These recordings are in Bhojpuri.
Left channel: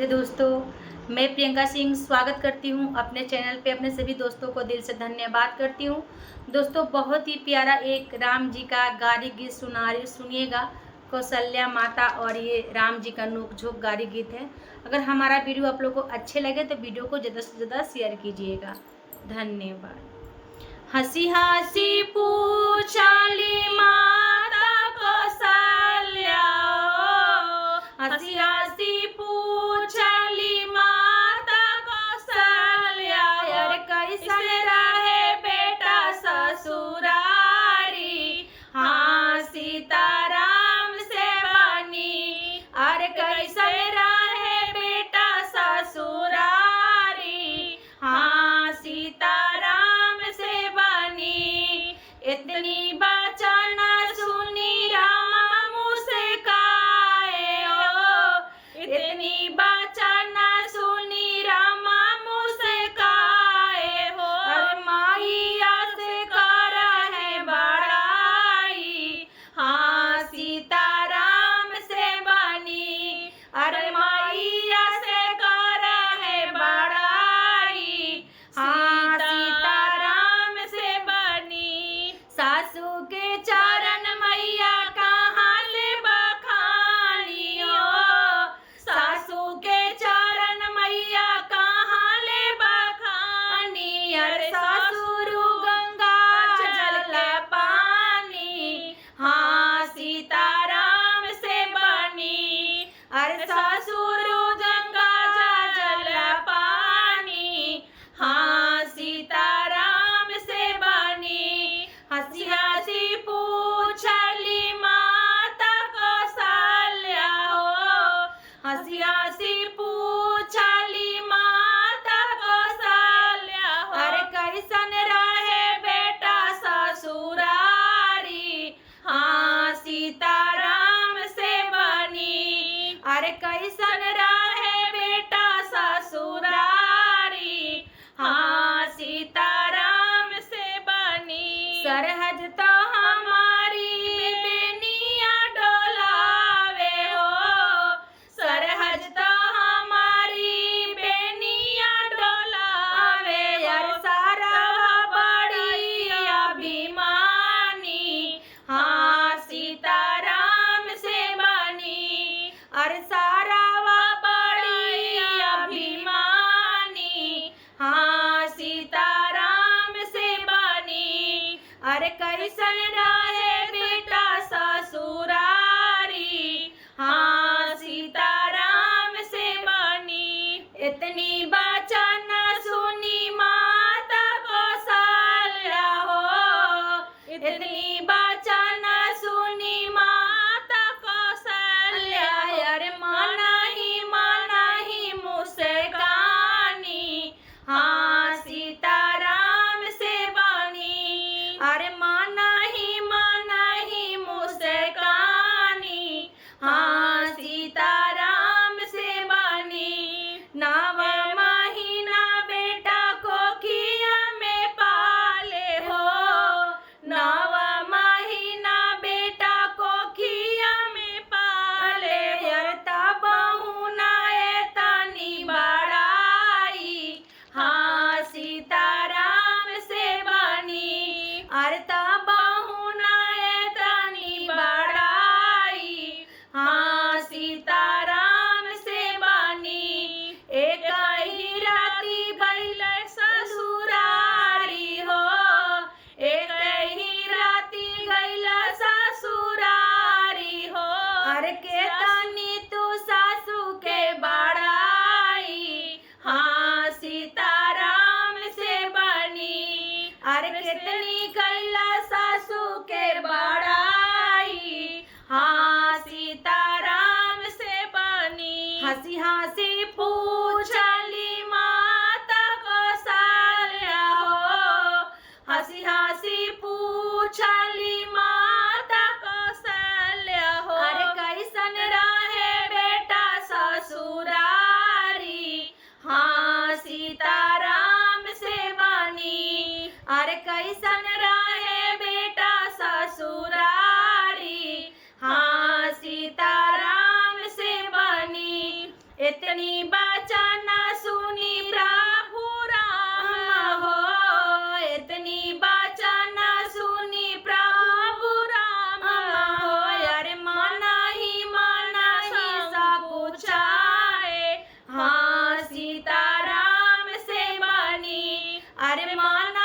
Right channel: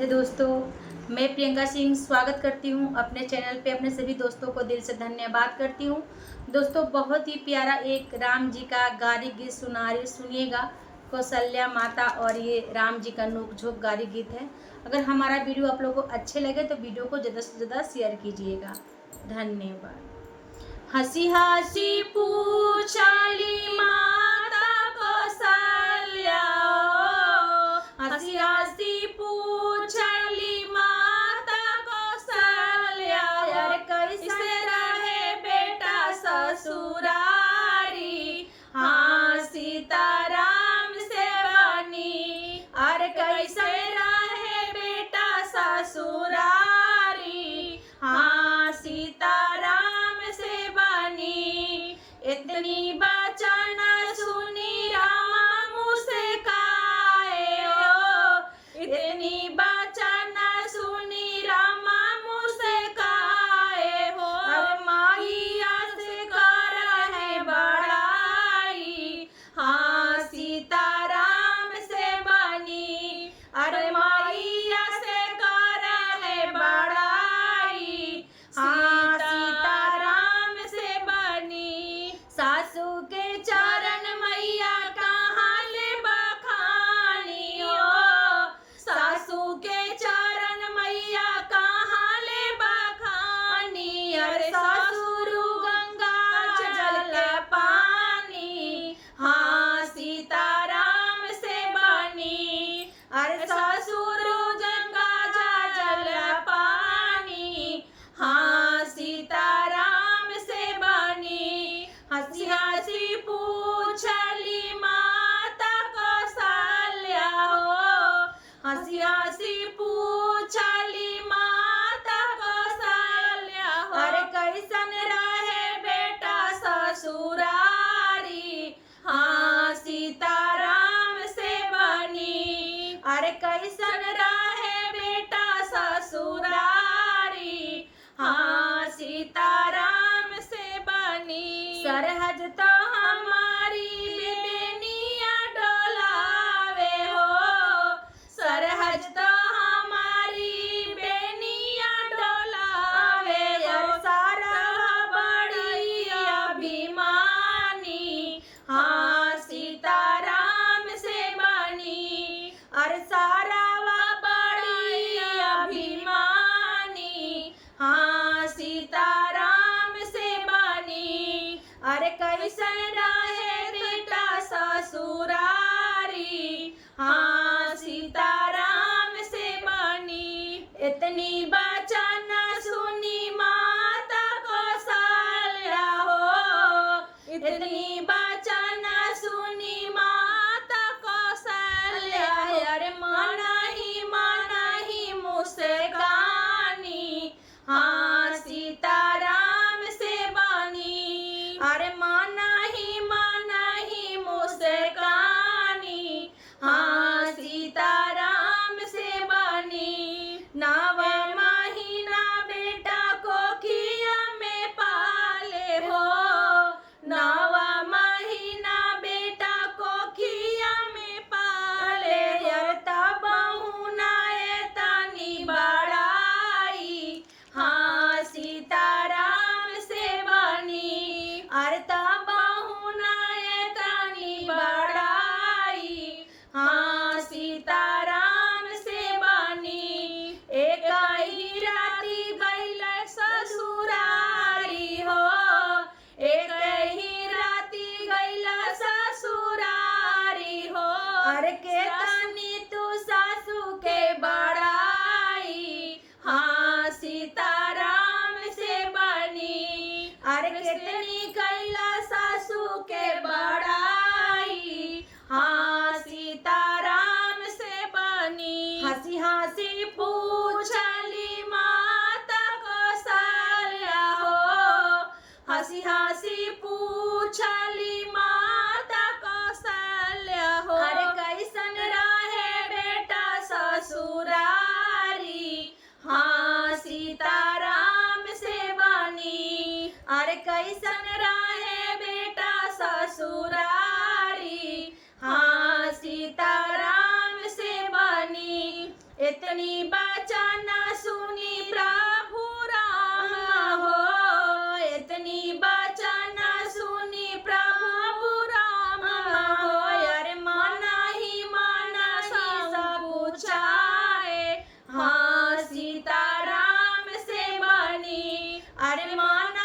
राधे दोस्तों, मैं प्रियंका सिंह स्वागत करती हूँ अपने चैनल पे। अपने सभी दोस्तों को दिल से धन्यवाद करती हूँ। दोस्तों, बहुत ही प्यारा एक राम जी का गारी गीत सुनिएगा, कौशल्या माता। और ये राम जी का नोक-झोंक गारी गीत है। अगर हमारा वीडियो आप लोग को अच्छे लगे तो वीडियो को ज़्यादा से ज़्यादा शेयर कीजिएगा। धन्यवाद। हंसी हंसी पूछली माता कौशल्या, हंसी हंसी पूछली माता कौशल्या, और कैसे रहे बेटा ससुरारी, हाँ सीताराम से बनी। अरे कैसे रहे बेटा ससुरारी, हाँ सीताराम से बनी। इतनी वचन सुनी राम मुस्काए हो, इतनी वचन सुनी राम मुस्काए हो। मैया से कर है बड़ाई, हाँ सीताराम से बनी। अरे मैया से कर है बड़ाई, हाँ सीताराम से बनी। सासू के चरण मैया कहाँ ले बखानी हो, सासू के चरण मैया कहाँ ले बखानी। अरे ससुर गंगा जल के पानी, हाँ सीताराम से बनी। अरे ससुर गंगा जल पानी, हाँ सीताराम से बनी। हंसी हंसी पूछली माता कौशल्या हो, हंसी हंसी पूछली माता कौशल्या हो। अरे कैसन रहे बेटा ससुरारी, हाँ सीताराम से बनी। अरे कैसन रहे बेटा ससुरारी, हाँ सीताराम से बनी। सरहद तो हमारी बेनिया डोलावे हो, सरहद तो हमारी बेनिया डोलावे हो। सारा बड़ी अभिमानी, हाँ सीताराम से बनी। और सारा बड़ी अभिमानी, हाँ सीताराम से बनी। अरे कैसन रहे बेटा ससुरारी, हाँ सीताराम से बनी। इतनी वचन सुनी माता कौशल्या हो, इतनी वचन सुनी माता कौशल्या। अरे माना ही मुस्कानी, हाँ सीताराम से बनी। अरे माना ही मुस्कानी, हाँ सीताराम से बनी। नव महीना बेटा कोखिया में पाले हो, नव महीना बेटा कोखिया में पाले हो। तब बहुनाए तनी बड़ाई, हाँ सीताराम से बनी। अरे तब बहुनाए तनी बड़ाई, हाँ सीताराम से बनी। एक ही राती गइल ससुरारी हो, एक ही राती गइल ससुरारी हो। अरे के तनी तू सासू के बड़ाई, हाँ सीताराम से बनी। अरे कितनी कैला सासू के बड़ाई, हाँ सीताराम से बनी। हंसी हंसी पूछली माता कौशल्या हो, हंसी हंसी पूछली माता कौशल्या हो। अरे कैसन रहे बेटा ससुरारी, हाँ सीताराम से बनी। अरे कैसन रहे बेटा ससुरारी, हाँ सीताराम से बनी। इतनी इतनी वचन सुनी प्रभु राम हो, इतनी वचन सुनी प्रभु राम हो। अरे मन ही मन सब पूछाए, हाँ सीताराम से बनी। अरे मन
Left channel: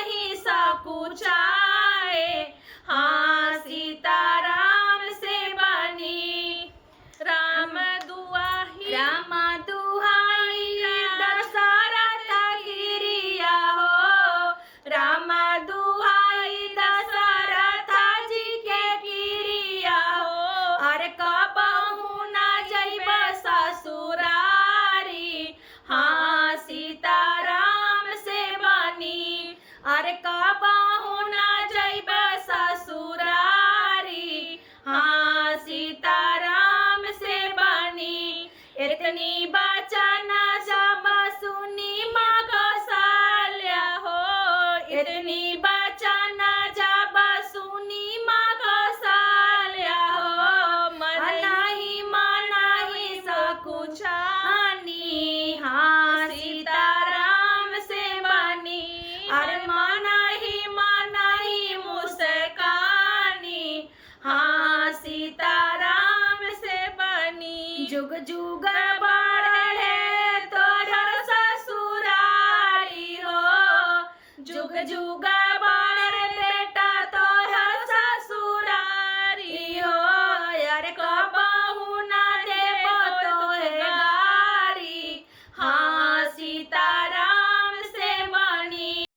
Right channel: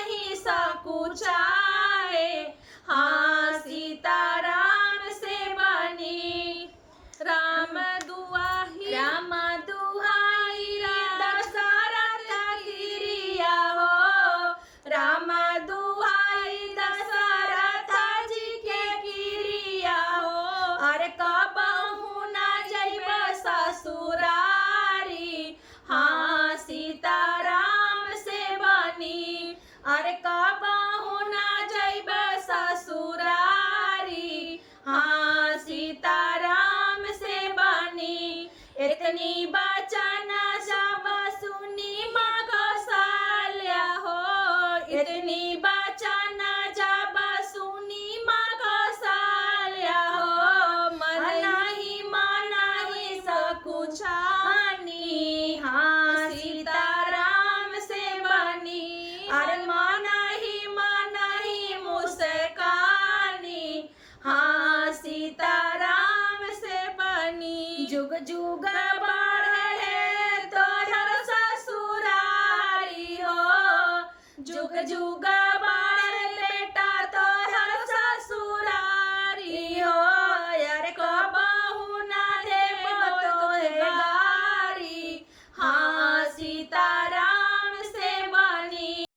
ही सब पूछाए, हाँ सीताराम से बनी। राम दुआही दशरथ गिरिया हो, राम दुआई दशरथ जी के गिरिया हो। अरे कबहू न जइबे ससुरारी, हाँ सीताराम से बनी। अरे कबहू न जइबे ससुरारी, हाँ सीताराम से बनी। इतनी वचन